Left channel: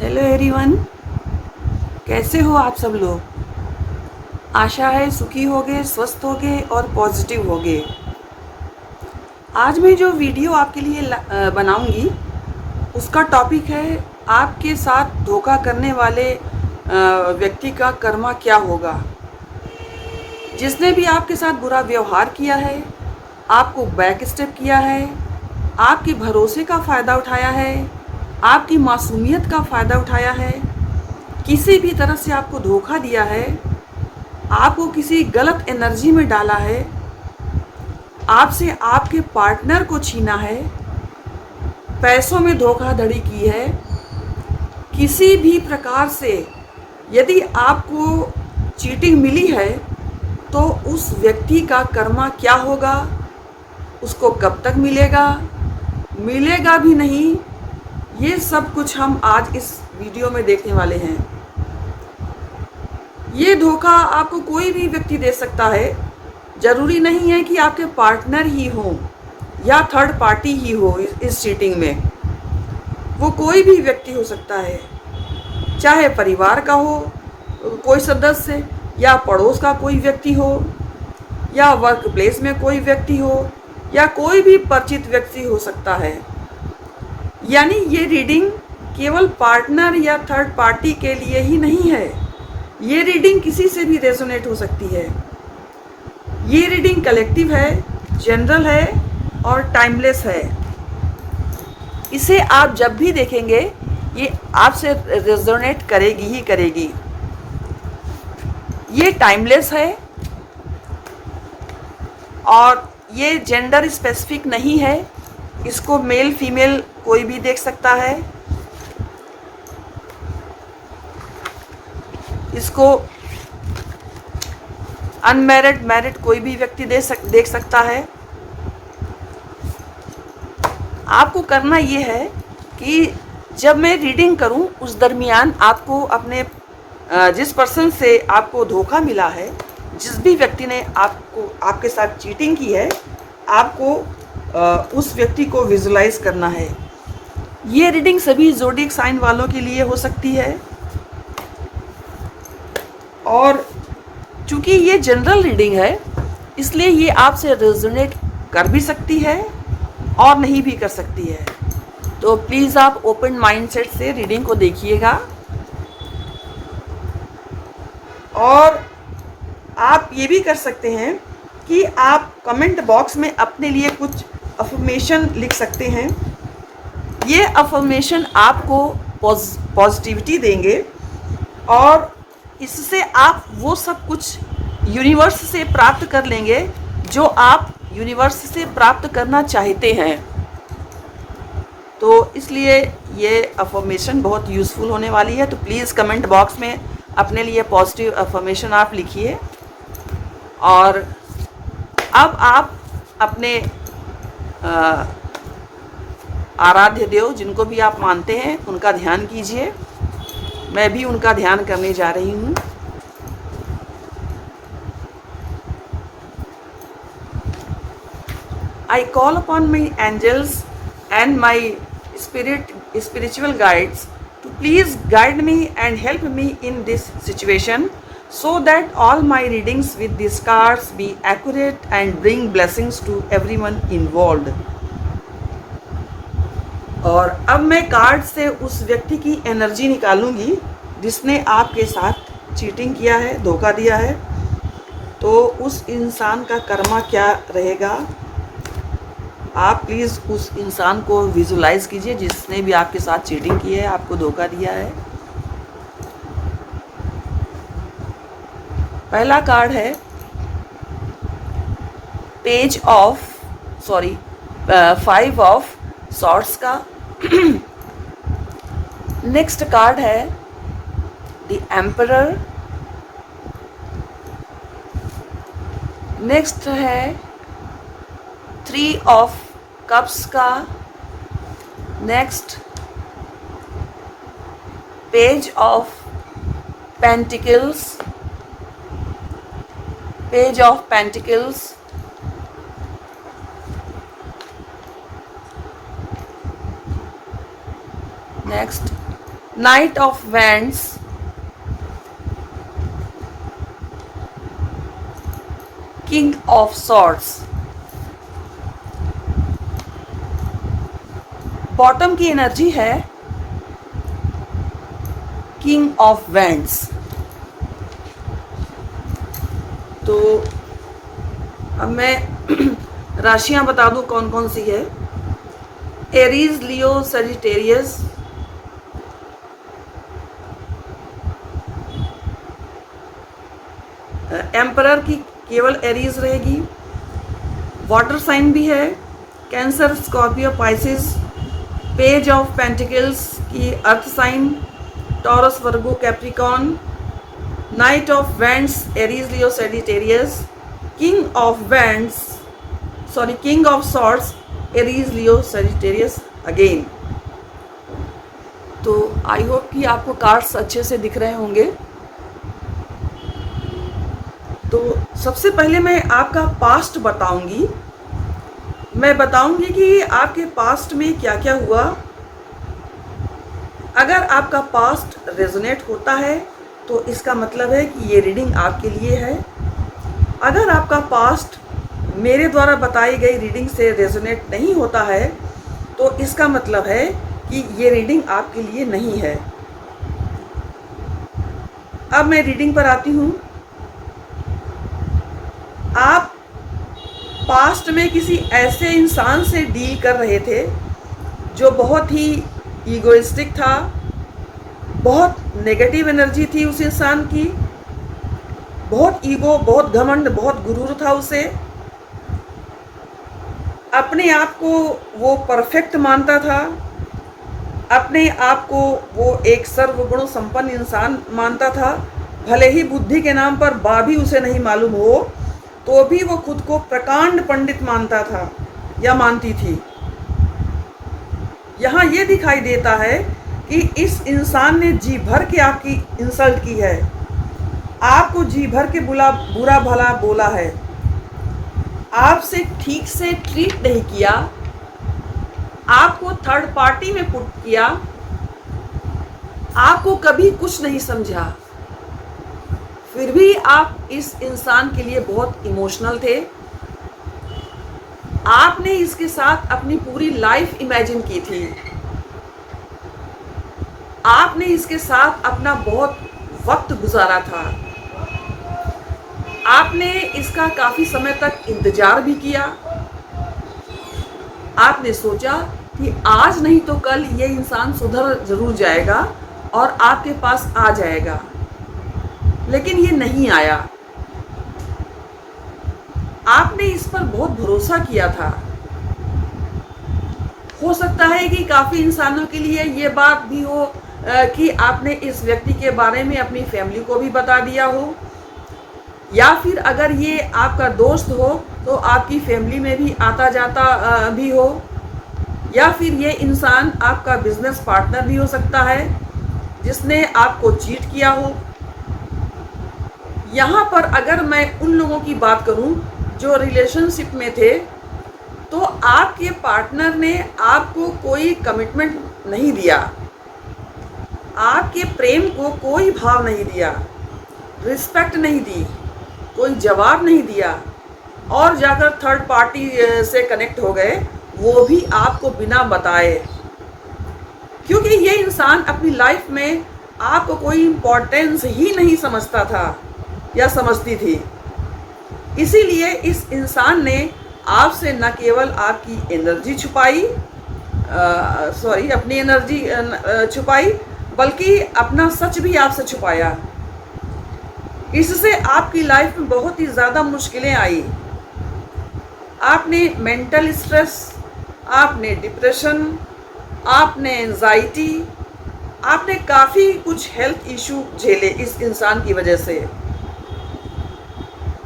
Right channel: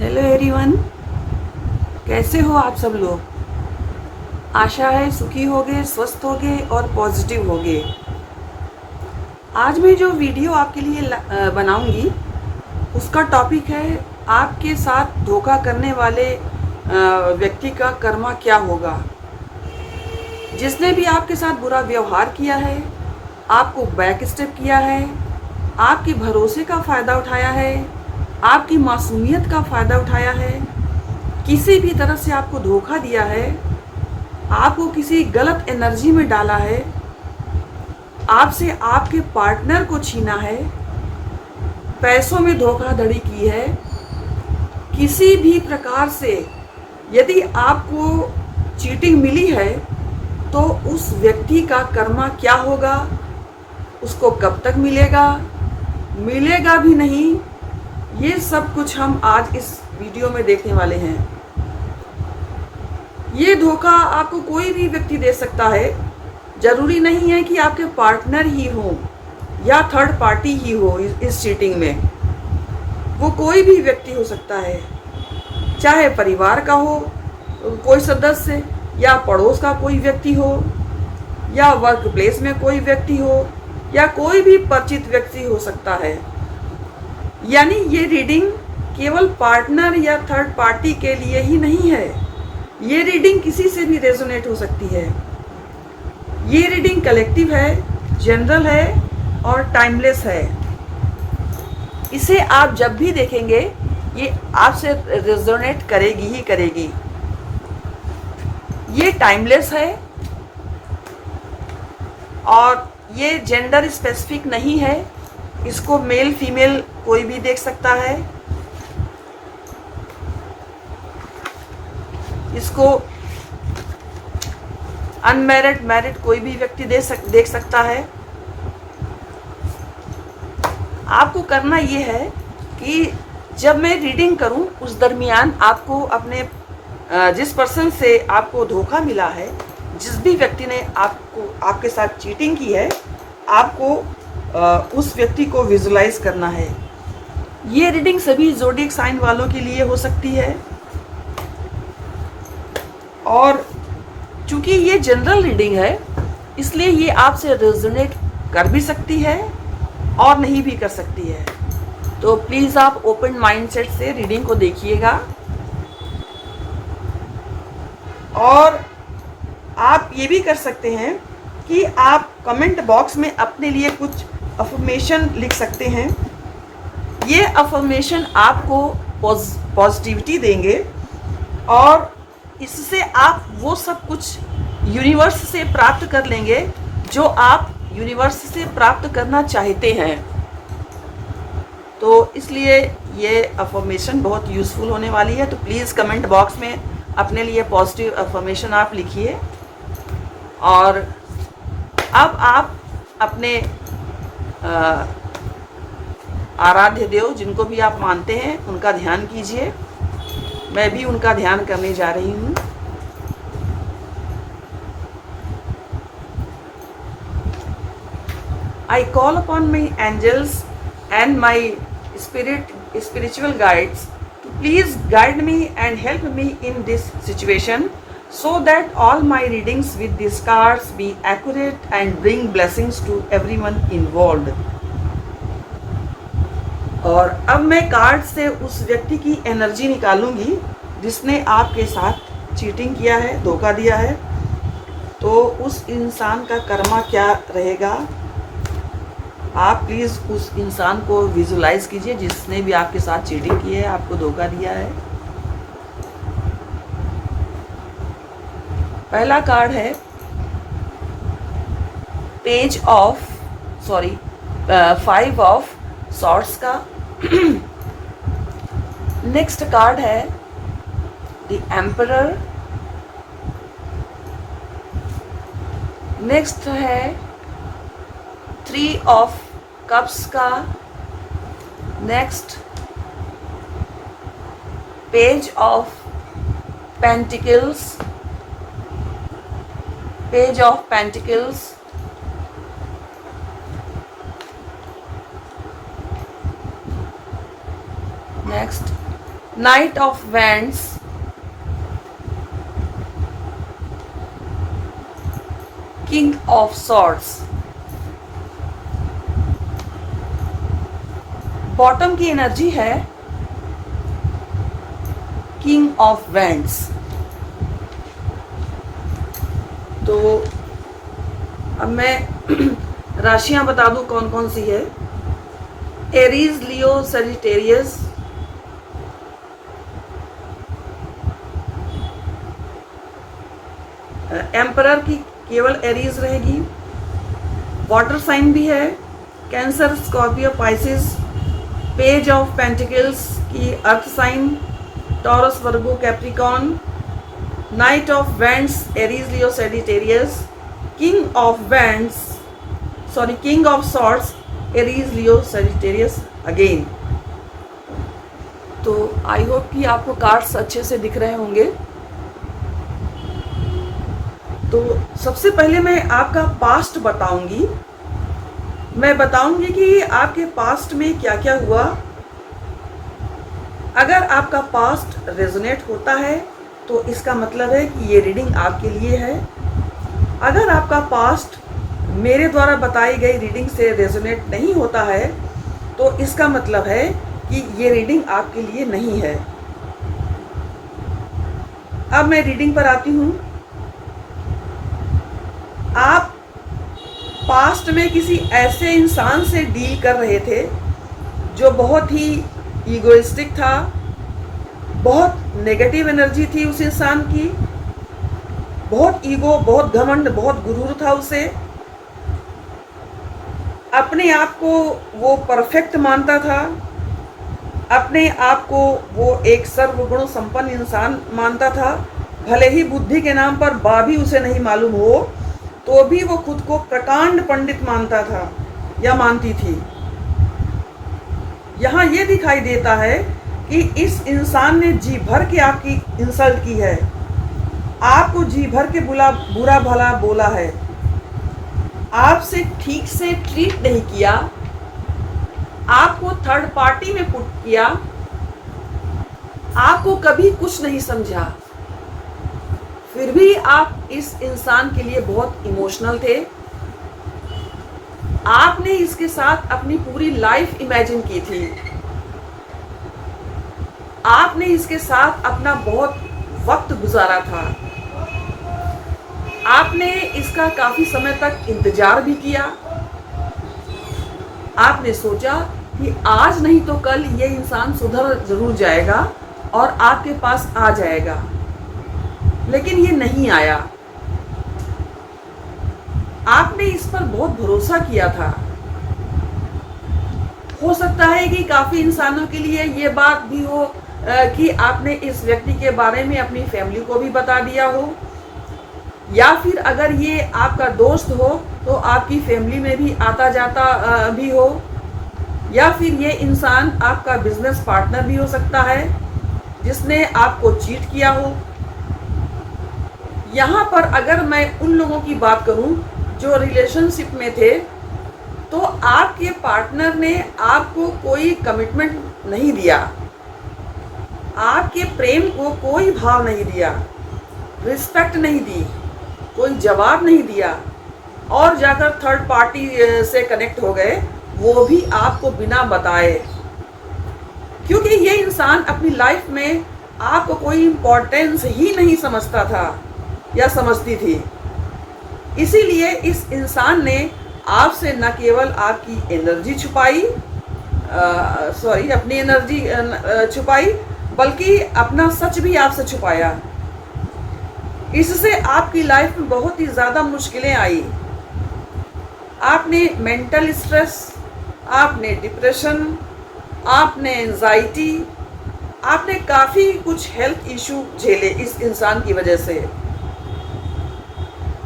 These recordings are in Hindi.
हेलो एवरीवन, कैसे हो आप सब लोग। आशा है सुखी होगे, स्वस्थ होगे और पॉजिटिव होगे। आज मैं जो वीडियो आपके लिए बनाऊंगी उसका टॉपिक है आपके साथ धोखा करने वाले व्यक्ति का कर्मा क्या होगा। जिसने भी आपके साथ बुरा व्यवहार किया है, आपको बैक स्टेप किया है, आपके भरोसे का फ़ायदा उठाया है, आपकी मासूमियत का फ़ायदा उठाया है, किसी भी तरह से आपको धोखा दिया है, आपको किसी गलत एनर्जी में डाला है, आपसे आपके पार्टनर को छीना है, पैसों में धोखाधड़ी की है, किसी भी प्रकार से यदि आपको चीटिंग मिली है तो उस व्यक्ति का कर्मा क्या होगा, उसको कब तक मिलेगा, मिलेगा भी नहीं, ये सब कुछ हम आज इस वीडियो में देखने वाले हैं। ये धोखा आपको कोई भी व्यक्ति दे सकता है। जरूरी नहीं है कि आपके पार्टनर ही हो या थर्ड पार्टी ही हो इस चीटिंग में। वो कोई भी व्यक्ति हो सकता है, चाहे परिवार का हो कोई सदस्य, या पड़ोस का कोई व्यक्ति हो, या वर्क प्लेस में कोई व्यक्ति हो, या कोई भी परिचित व्यक्ति हो सकता है। यानी ये रीडिंग केवल पार्टनर या थर्ड पार्टी के लिए ही नहीं है। ये रीडिंग किसी से भी रेजोनेट हो सकती है। ये रीडिंग कलेक्टिव है, जनरल है और टाइमलेस है। इसे आप जब भी देखेंगे ये आपसे रेजोनेट करेगी ही करेगी। ये टाइमलेस है और ये जेंडर स्पेसिफिक नहीं है। इसको मेल फीमेल कोई भी देख सकता है। इसको अनमैरिड मैरिड कोई भी व्यक्ति देख सकता है। आपको करना ये है कि जब मैं रीडिंग करूं उस दरमियान आपको अपने जिस पर्सन से आपको धोखा मिला है, जिस भी व्यक्ति ने आपके साथ चीटिंग की है, आपको उस व्यक्ति को विजुलाइज करना है। ये रीडिंग सभी ज़ोडिएक साइन वालों के लिए हो सकती है और चूंकि ये जनरल रीडिंग है इसलिए ये आपसे रेजोनेट कर भी सकती है और नहीं भी कर सकती है। तो प्लीज़ आप ओपन माइंडसेट से रीडिंग को देखिएगा और आप ये भी कर सकते हैं कि आप कमेंट बॉक्स में अपने लिए कुछ अफर्मेशन लिख सकते हैं। ये अफर्मेशन आपको पॉजिटिविटी देंगे और इससे आप वो सब कुछ यूनिवर्स से प्राप्त कर लेंगे जो आप यूनिवर्स से प्राप्त करना चाहते हैं। तो इसलिए ये अफर्मेशन बहुत यूज़फुल होने वाली है। तो प्लीज़ कमेंट बॉक्स में अपने लिए पॉजिटिव अफर्मेशन आप लिखिए। और अब आप अपने आराध्य देव जिनको भी आप मानते हैं उनका ध्यान कीजिए। मैं भी उनका ध्यान करने जा रही हूँ। I call upon my angels and my spiritual guides to please guide me and help me in this situation so that all my readings with these cards be accurate and bring blessings to everyone involved. और अब मैं कार्ड से उस व्यक्ति की एनर्जी निकालूंगी जिसने आपके साथ चीटिंग किया है, धोखा दिया है। तो उस इंसान का कर्मा क्या रहेगा, आप प्लीज़ उस इंसान को विजुलाइज कीजिए जिसने भी आपके साथ चीटिंग की है, आपको धोखा दिया है। पहला कार्ड है फाइव ऑफ सॉर्ड्स का। नेक्स्ट कार्ड है द एम्परर। नेक्स्ट है 3 ऑफ कप्स का। Next page of pentacles. Page of pentacles. Next Knight of Wands, King of Swords। Bottom की एनर्जी है किंग ऑफ वैंड्स। तो अब मैं राशियां बता दूं कौन कौन सी है। एरीज, लियो, सजिटेरियस, एम्परर की केवल एरीज रहेगी। वाटर साइन भी है, Cancer, Scorpio, Pisces. Page of pentacles की earth sign, Taurus, Virgo, Capricorn. Knight of wands, Aries, Leo, Sagittarius. King of wands, sorry king of swords, Aries, Leo, Sagittarius again. तो आई होप कि आपको कार्ड्स अच्छे से दिख रहे होंगे। तो सबसे पहले मैं आपका पास्ट बताऊंगी। मैं बताऊंगी कि आपके पास्ट में क्या क्या हुआ। अगर आपका पास्ट रेजोनेट होता है तो इसका मतलब है कि ये रीडिंग आपके लिए है। अगर आपका पास्ट मेरे द्वारा बताई गई रीडिंग से रेजोनेट नहीं होता है तो इसका मतलब है कि ये रीडिंग आपके लिए नहीं है। अब मैं रीडिंग पर आती हूँ। आप पास्ट में किसी ऐसे इंसान से डील कर रहे थे जो बहुत ही ईगोइस्टिक था, बहुत नेगेटिव एनर्जी थी उस इंसान की, बहुत ईगो, बहुत घमंड, बहुत गुरूर था उसे। अपने आप को वो परफेक्ट मानता था, अपने आप को वो एक सर्वगुण संपन्न इंसान मानता था। भले ही बुद्धि के नाम पर भी उसे नहीं मालूम हो तो भी वो खुद को प्रकांड पंडित मानता था या मानती थी। यहाँ ये दिखाई देता है कि इस इंसान ने जी भर के आपकी इंसल्ट की है, आपको जी भर के बुरा भला बोला है, आपसे ठीक से ट्रीट नहीं किया, आपको थर्ड पार्टी में पुट किया, आपको कभी कुछ नहीं समझा। फिर भी आप इस इंसान के लिए बहुत इमोशनल थे। आपने इसके साथ अपनी पूरी लाइफ इमेजिन की थी। आपने इसके साथ अपना बहुत वक्त गुजारा था। आपने इसका काफी समय तक इंतजार भी किया। आपने सोचा कि आज नहीं तो कल ये इंसान सुधर जरूर जाएगा और आपके पास आ जाएगा, लेकिन ये नहीं आया। आपने इस पर बहुत भरोसा किया था। हो सकता है कि काफी इंसानों के लिए ये बात भी हो कि आपने इस व्यक्ति के बारे में अपनी फैमिली को भी बता दिया हो, या फिर अगर ये आपका दोस्त हो तो आपकी फैमिली में भी आता जाता भी हो, या फिर ये इंसान आपका बिजनेस पार्टनर भी हो सकता है जिसने आपको चीट किया हो। यहाँ पर अगर मैं उन लोगों की बात करूं जो रिलेशनशिप में थे, तो आपके पार्टनर ने आपको कोई कमिटमेंट नहीं दिया, आपके प्रेम को कोई भाव नहीं दिया, रिस्पेक्ट नहीं दी, कोई जवाब नहीं दिया, और जाकर थर्ड पार्टी से कनेक्ट हो गए, वो भी आपको बिना बताए। क्योंकि ये इंसान अपनी लाइफ में आपको कोई इम्पोर्टेंस ही नहीं समझता था या समझती थी। इसीलिए इस इंसान ने आपसे न केवल आपकी एनर्जी छुपाई, अपनी एनर्जी छुपाई, बल्कि अपना सच भी आपसे छुपाया। इससे आपकी लाइफ में बहुत ही ज़्यादा मुश्किलें आई। आपने मेंटल स्ट्रेस, आपने डिप्रेशन, आपने एंजाइटी, आपने काफ़ी कुछ हेल्थ इशू झेले इस इंसान की वजह से।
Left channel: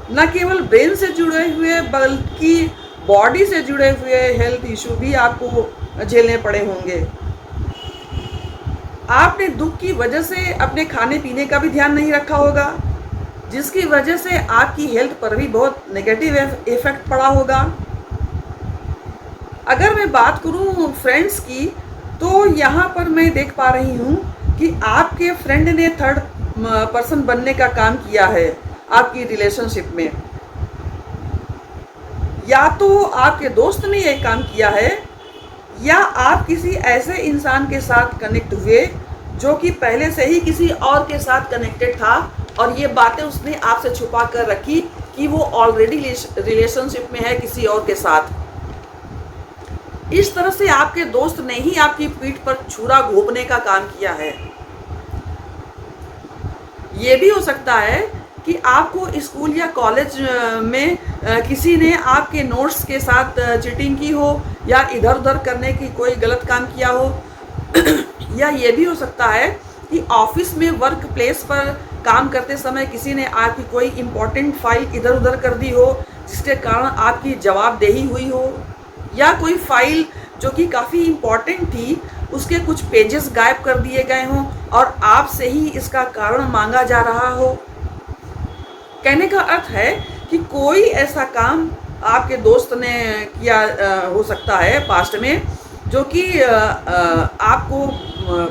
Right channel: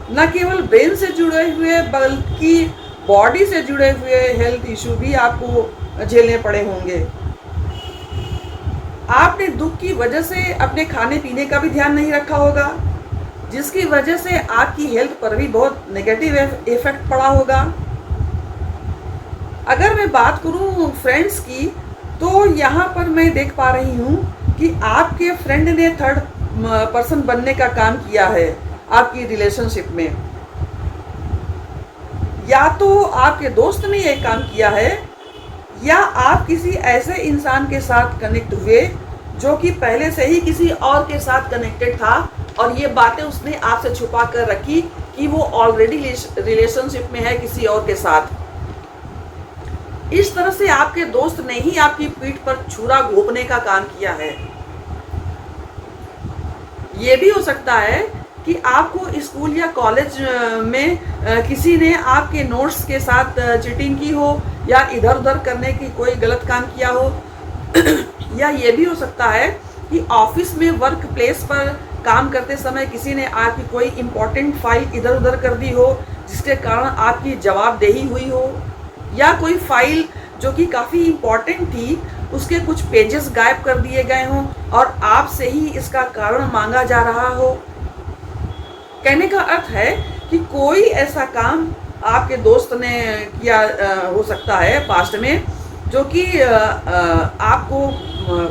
न केवल ब्रेन से जुड़े हुए बल्कि बॉडी से जुड़े हुए हेल्थ इशू भी आपको झेलने पड़े होंगे। आपने दुख की वजह से अपने खाने पीने का भी ध्यान नहीं रखा होगा, जिसकी वजह से आपकी हेल्थ पर भी बहुत नेगेटिव इफेक्ट पड़ा होगा। अगर मैं बात करूं फ्रेंड्स की, तो यहाँ पर मैं देख पा रही हूँ कि आपके फ्रेंड ने थर्ड पर्सन बनने का काम किया है आपकी रिलेशनशिप में, या तो आपके दोस्त ने यह काम किया है, या आप किसी ऐसे इंसान के साथ कनेक्ट हुए जो कि पहले से ही किसी और के साथ कनेक्टेड था और ये बातें उसने आपसे छुपा कर रखी कि वो ऑलरेडी रिलेशनशिप में है किसी और के साथ। इस तरह से आपके दोस्त ने ही आपकी पीठ पर छुरा घोंपने का काम किया है। ये भी हो सकता है कि आपको स्कूल या कॉलेज में किसी ने आपके नोट्स के साथ चीटिंग की हो या इधर उधर करने की कोई गलत काम किया हो या ये भी हो सकता है कि ऑफिस में वर्क प्लेस पर काम करते समय किसी ने आपकी कोई इम्पोर्टेंट फाइल इधर उधर कर दी हो जिसके कारण आपकी जवाबदेही हुई हो, या कोई फाइल जो कि काफ़ी इम्पोर्टेंट थी उसके कुछ पेजेस गायब कर दिए गए हों और आपसे ही इसका कारण मांगा जा रहा हो। कहने का अर्थ है कि कोई ऐसा काम आपके दोस्त ने किया हो सकता है पास्ट में जो कि आपको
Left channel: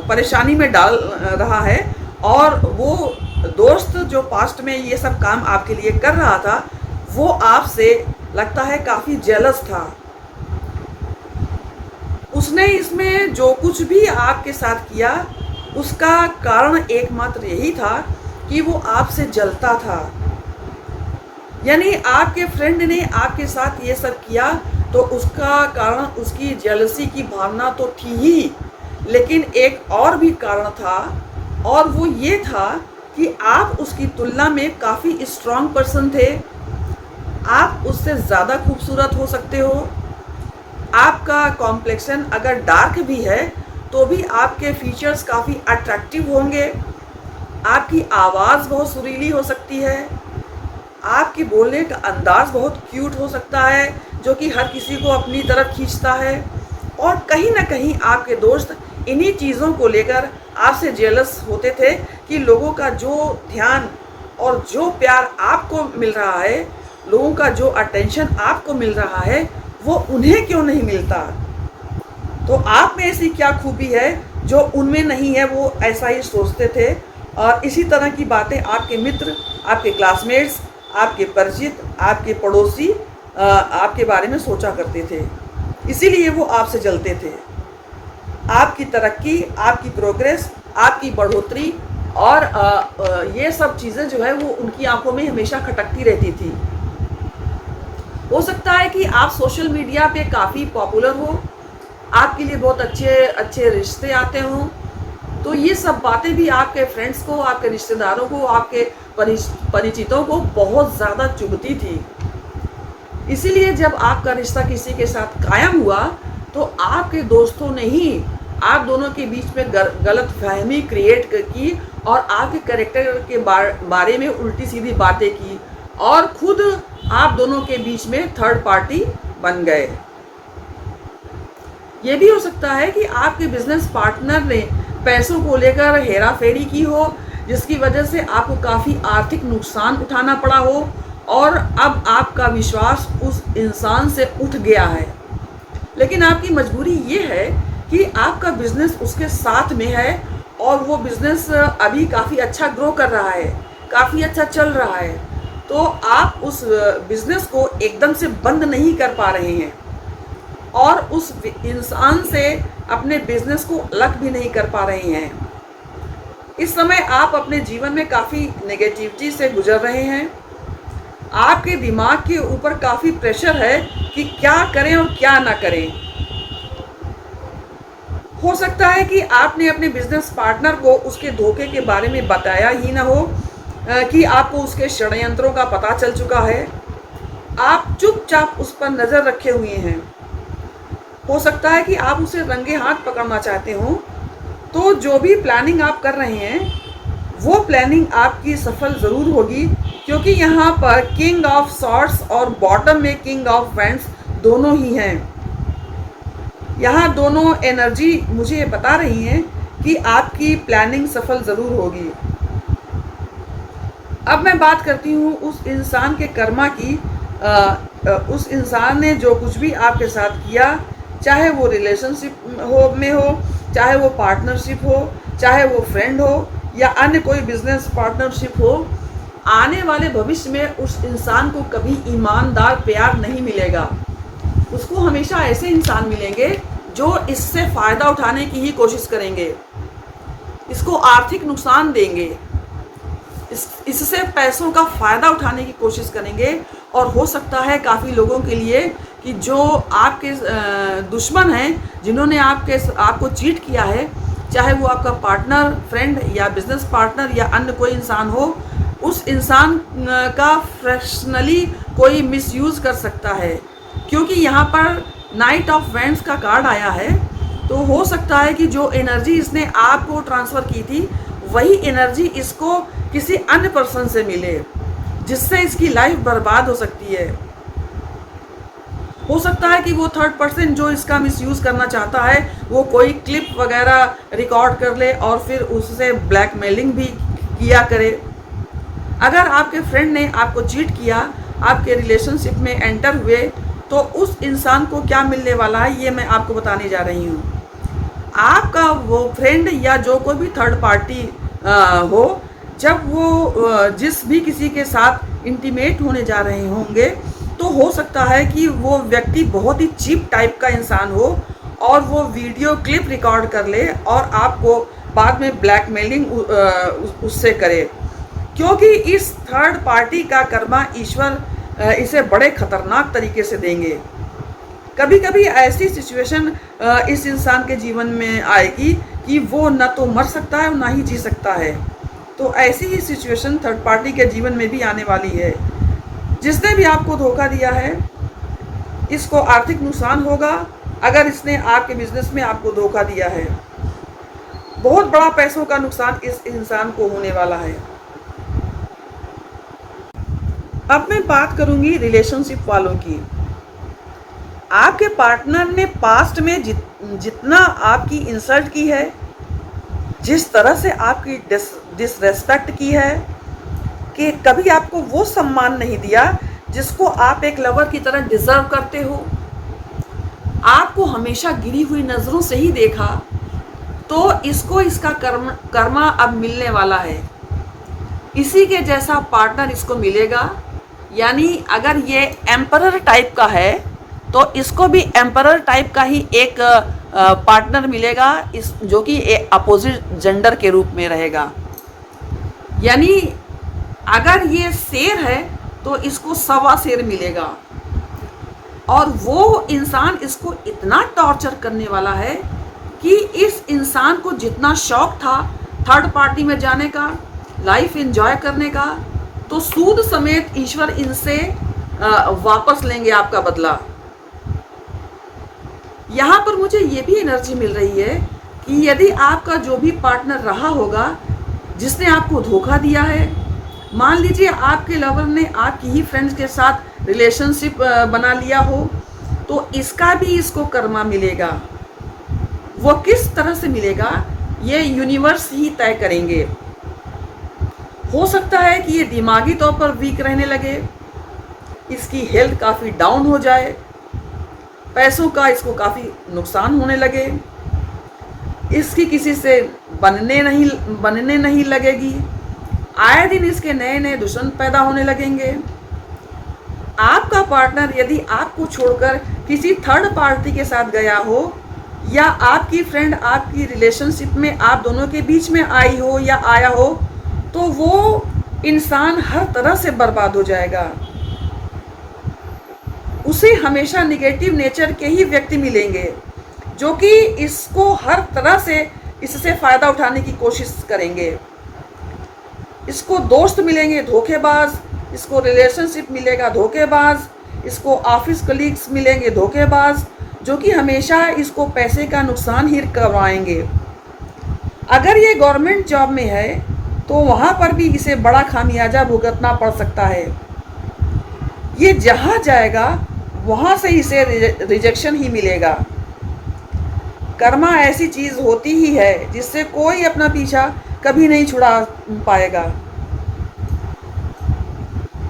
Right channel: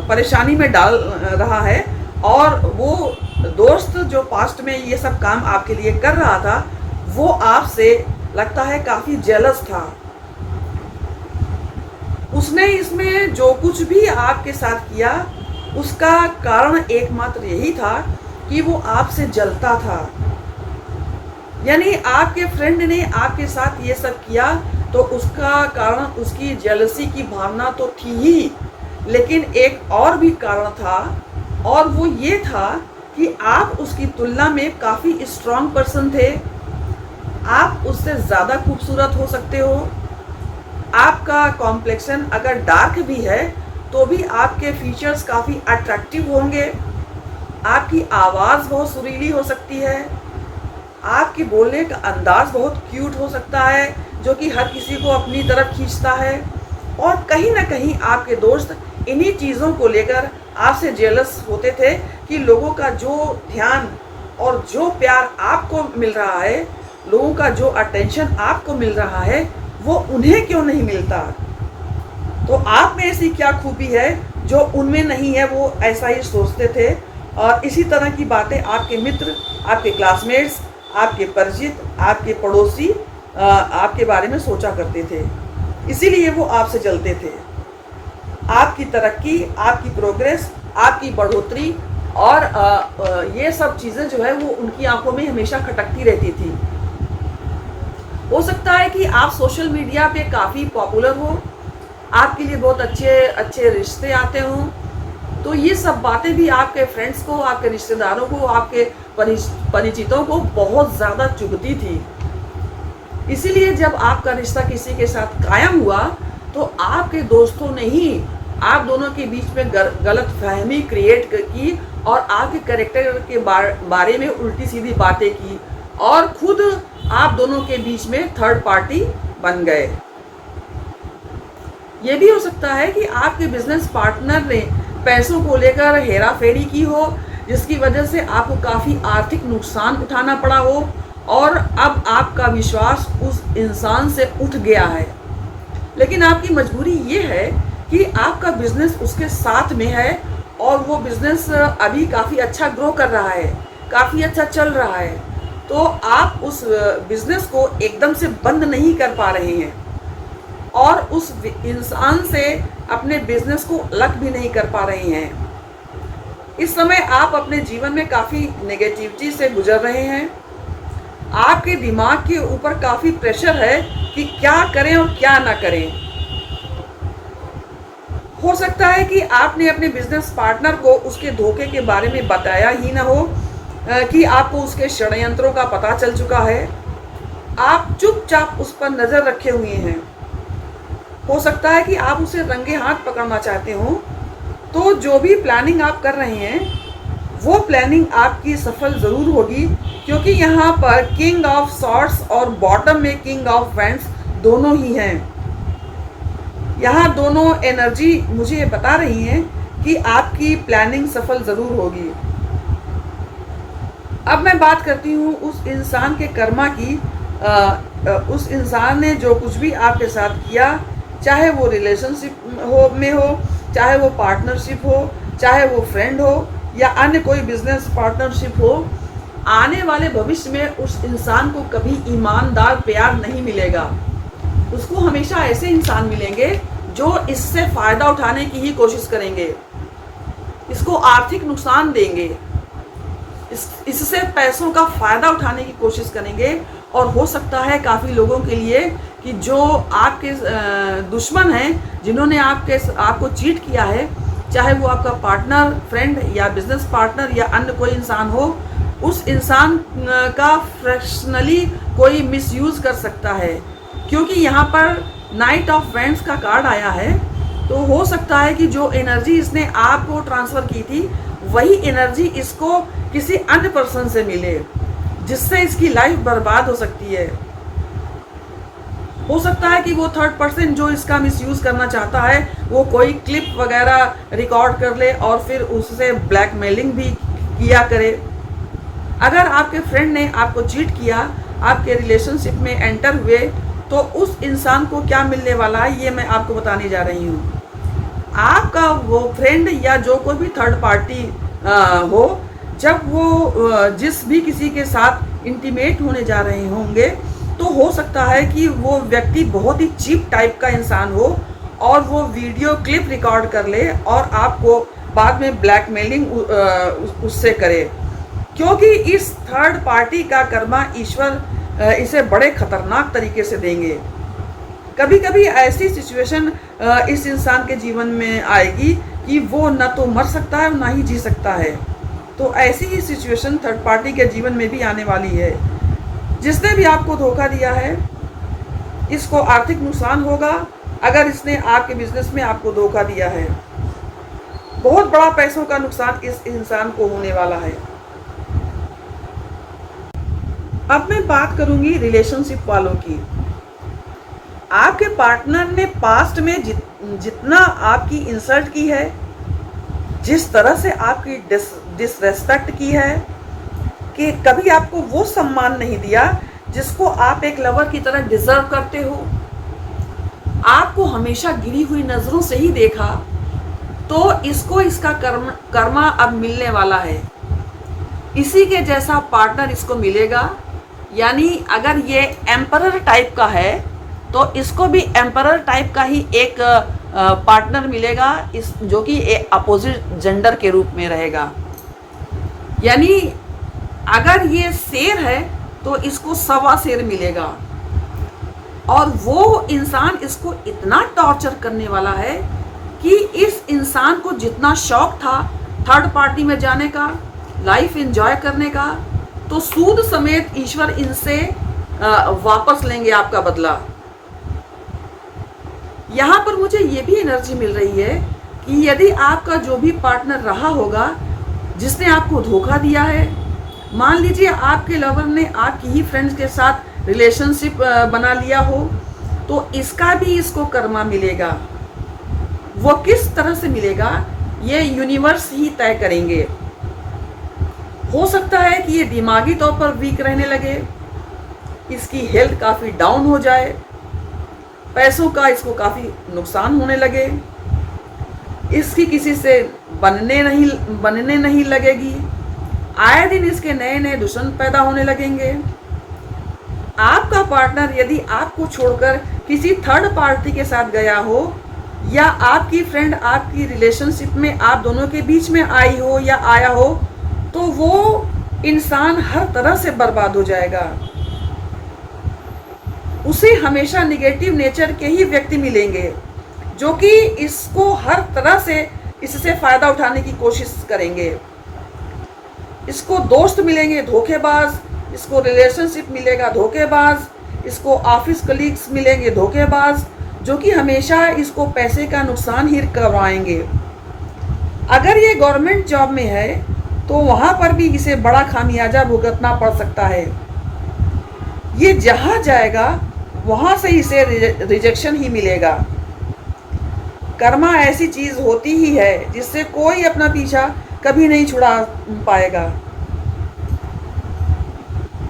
परेशानी में डाल रहा है, और वो दोस्त जो पास्ट में ये सब काम आपके लिए कर रहा था वो आपसे लगता है काफ़ी जेलस था। उसने इसमें जो कुछ भी आपके साथ किया उसका कारण एकमात्र यही था कि वो आपसे जलता था। यानी आपके फ्रेंड ने आपके साथ ये सब किया तो उसका कारण उसकी जेलसी की भावना तो थी ही, लेकिन एक और भी कारण था, और वो ये था कि आप उसकी तुलना में काफ़ी स्ट्रांग पर्सन थे। आप उससे ज़्यादा खूबसूरत हो सकते हो। आपका कॉम्प्लेक्शन अगर डार्क भी है तो भी आपके फीचर्स काफ़ी अट्रैक्टिव होंगे। आपकी आवाज़ बहुत सुरीली हो सकती है। आपके बोलने का अंदाज बहुत क्यूट हो सकता है जो कि हर किसी को अपनी तरफ खींचता है। और कहीं ना कहीं आपके दोस्त इन्हीं चीज़ों को लेकर आपसे जेलस होते थे कि लोगों का जो ध्यान और जो प्यार आपको मिल रहा है, लोगों का जो अटेंशन आपको मिल रहा है, वो उन्हें क्यों नहीं मिलता। तो आप में ऐसी क्या खूबी है जो उनमें नहीं है, वो ऐसा ही सोचते थे। और इसी तरह की बातें आपके मित्र, आपके क्लासमेट्स, आपके परिचित, आपके पड़ोसी आपके बारे में सोचा करते थे। इसीलिए वो आपसे जलते थे। आपकी तरक्की, आपकी प्रोग्रेस, आपकी बढ़ोतरी और ये सब चीज़ें जो है वो उनकी आंखों में हमेशा खटकती रहती थी। हो सकता है कि आप सोशल मीडिया पे काफ़ी पॉपुलर हो, आपके लिए बहुत अच्छे अच्छे रिश्ते आते हों, तो ये सब बातें भी आपके फ्रेंड्स को, आपके रिश्तेदारों को, आपके परिचितों को बहुत ज़्यादा चुभती थी। इसीलिए जब आपका रिश्ता किसी के साथ कायम हुआ तो आपके दोस्तों ने ही आप दोनों के बीच में गलत फहमी क्रिएट की और आपके कैरेक्टर के बारे में उल्टी सीधी बातें की और खुद आप दोनों के बीच में थर्ड पार्टी बन गए। ये भी हो सकता है कि आपके बिजनेस पार्टनर ने पैसों को लेकर हेरा फेरी की हो, जिसकी वजह से आपको काफ़ी आर्थिक नुकसान उठाना पड़ा हो और अब आपका विश्वास उस इंसान से उठ गया है। लेकिन आपकी मजबूरी ये है कि आपका बिजनेस उसके साथ में है और वो बिजनेस अभी काफ़ी अच्छा ग्रो कर रहा है, काफ़ी अच्छा चल रहा है, तो आप उस बिजनेस को एकदम से बंद नहीं कर पा रहे हैं और उस इंसान से अपने बिजनेस को अलग भी नहीं कर पा रहे हैं। इस समय आप अपने जीवन में काफ़ी नेगेटिविटी से गुजर रहे हैं। आपके दिमाग के ऊपर काफ़ी प्रेशर है कि क्या करें और क्या ना करें। हो सकता है कि आपने अपने बिजनेस पार्टनर को उसके धोखे के बारे में बताया ही ना हो, कि आपको उसके षड्यंत्रों का पता चल चुका है। आप चुपचाप उस पर नज़र रखे हुए हैं। हो सकता है कि आप उसे रंगे हाथ पकड़ना चाहते हो। तो जो भी प्लानिंग आप कर रहे हैं वो प्लानिंग आपकी सफल ज़रूर होगी, क्योंकि यहाँ पर किंग ऑफ सॉर्ड्स और बॉटम में किंग ऑफ वैंड्स दोनों ही हैं। यहाँ दोनों एनर्जी मुझे बता रही हैं कि आपकी प्लानिंग सफल ज़रूर होगी। अब मैं बात करती हूँ उस इंसान के कर्मा की। उस इंसान ने जो कुछ भी आपके साथ किया, चाहे वो रिलेशनशिप में हो, चाहे वो पार्टनरशिप हो, चाहे वो फ्रेंड हो या अन्य कोई बिजनेस पार्टनरशिप हो, आने वाले भविष्य में उस इंसान को कभी ईमानदार प्यार नहीं मिलेगा। उसको हमेशा ऐसे इंसान मिलेंगे जो इससे फायदा उठाने की ही कोशिश करेंगे, इसको आर्थिक नुकसान देंगे, इससे पैसों का फायदा उठाने की कोशिश करेंगे। और हो सकता है काफ़ी लोगों के लिए कि जो आपके दुश्मन हैं, जिन्होंने आपको चीट किया है, चाहे वो आपका पार्टनर, फ्रेंड या बिजनेस पार्टनर या अन्य कोई इंसान हो, उस इंसान का फ्रैक्शनली कोई मिसयूज कर सकता है। क्योंकि यहाँ पर नाइट ऑफ वेंट्स का कार्ड आया है, तो हो सकता है कि जो एनर्जी इसने आपको ट्रांसफ़र की थी, वही एनर्जी इसको किसी अन्य पर्सन से मिले, जिससे इसकी लाइफ बर्बाद हो सकती है। हो सकता है कि वो थर्ड पर्सन जो इसका मिसयूज करना चाहता है, वो कोई क्लिप वगैरह रिकॉर्ड कर ले और फिर उससे ब्लैकमेलिंग भी किया करे। अगर आपके फ्रेंड ने आपको चीट किया, आपके रिलेशनशिप में एंटर हुए, तो उस इंसान को क्या मिलने वाला है, ये मैं आपको बताने जा रही हूँ। आपका वो फ्रेंड या जो कोई भी थर्ड पार्टी हो, जब वो जिस भी किसी के साथ इंटीमेट होने जा रहे होंगे, तो हो सकता है कि वो व्यक्ति बहुत ही चीप टाइप का इंसान हो और वो वीडियो क्लिप रिकॉर्ड कर ले और आपको बाद में ब्लैकमेलिंग उससे करे। क्योंकि इस थर्ड पार्टी का कर्मा ईश्वर इसे बड़े खतरनाक तरीके से देंगे। कभी कभी ऐसी सिचुएशन इस इंसान के जीवन में आएगी कि वो न तो मर सकता है और ना ही जी सकता है। तो ऐसी ही सिचुएशन थर्ड पार्टी के जीवन में भी आने वाली है। जिसने भी आपको धोखा दिया है, इसको आर्थिक नुकसान होगा। अगर इसने आपके बिजनेस में आपको धोखा दिया है, बहुत बड़ा पैसों का नुकसान इस इंसान को होने वाला है। अब मैं बात करूंगी रिलेशनशिप वालों की। आपके पार्टनर ने पास्ट में जितना आपकी इंसल्ट की है, जिस तरह से आपकी डिसरेस्पेक्ट की है, कि कभी आपको वो सम्मान नहीं दिया जिसको आप एक लवर की तरह डिजर्व करते हो, आपको हमेशा गिरी हुई नजरों से ही देखा, तो इसको इसका कर्मा अब मिलने वाला है। इसी के जैसा पार्टनर इसको मिलेगा। यानी अगर ये एम्परर टाइप का है, तो इसको भी एम्परर टाइप का ही एक पार्टनर मिलेगा, इस जो कि अपोजिट जेंडर के रूप में रहेगा। यानी अगर ये शेर है तो इसको सवा शेर मिलेगा। और वो इंसान इसको इतना टॉर्चर करने वाला है कि इस इंसान को जितना शौक था थर्ड पार्टी में जाने का, लाइफ एंजॉय करने का, तो सूद समेत ईश्वर इनसे वापस लेंगे आपका बदला। यहाँ पर मुझे ये भी एनर्जी मिल रही है कि यदि आपका जो भी पार्टनर रहा होगा जिसने आपको धोखा दिया है, मान लीजिए आपके लवर ने आपकी ही फ्रेंड्स के साथ रिलेशनशिप बना लिया हो, तो इसका भी इसको कर्मा मिलेगा। वो किस तरह से मिलेगा, ये यूनिवर्स ही तय करेंगे। हो सकता है कि ये दिमागी तौर पर वीक रहने लगे, इसकी हेल्थ काफ़ी डाउन हो जाए, पैसों का इसको काफ़ी नुकसान होने लगे, इसकी किसी से बनने नहीं लगेगी, आए दिन इसके नए नए दुश्मन पैदा होने लगेंगे। आपका पार्टनर यदि आपको छोड़कर किसी थर्ड पार्टी के साथ गया हो, या आपकी फ्रेंड आपकी रिलेशनशिप में आप दोनों के बीच में आई हो या आया हो, तो वो इंसान हर तरह से बर्बाद हो जाएगा। उसे हमेशा नेगेटिव नेचर के ही व्यक्ति मिलेंगे जो कि इसको हर तरह से इससे फायदा उठाने की कोशिश करेंगे। इसको दोस्त मिलेंगे धोखेबाज, इसको रिलेशनशिप मिलेगा धोखेबाज, इसको ऑफिस कलीग्स मिलेंगे धोखेबाज, जो कि हमेशा इसको पैसे का नुकसान ही करवाएंगे। अगर ये गवर्नमेंट जॉब में है तो वहाँ पर भी इसे बड़ा खामियाजा भुगतना पड़ सकता है। ये जहाँ जाएगा वहाँ से इसे रिजेक्शन ही मिलेगा। कर्मा ऐसी चीज़ होती ही है जिससे कोई अपना पीछा कभी नहीं छुड़ा पाएगा।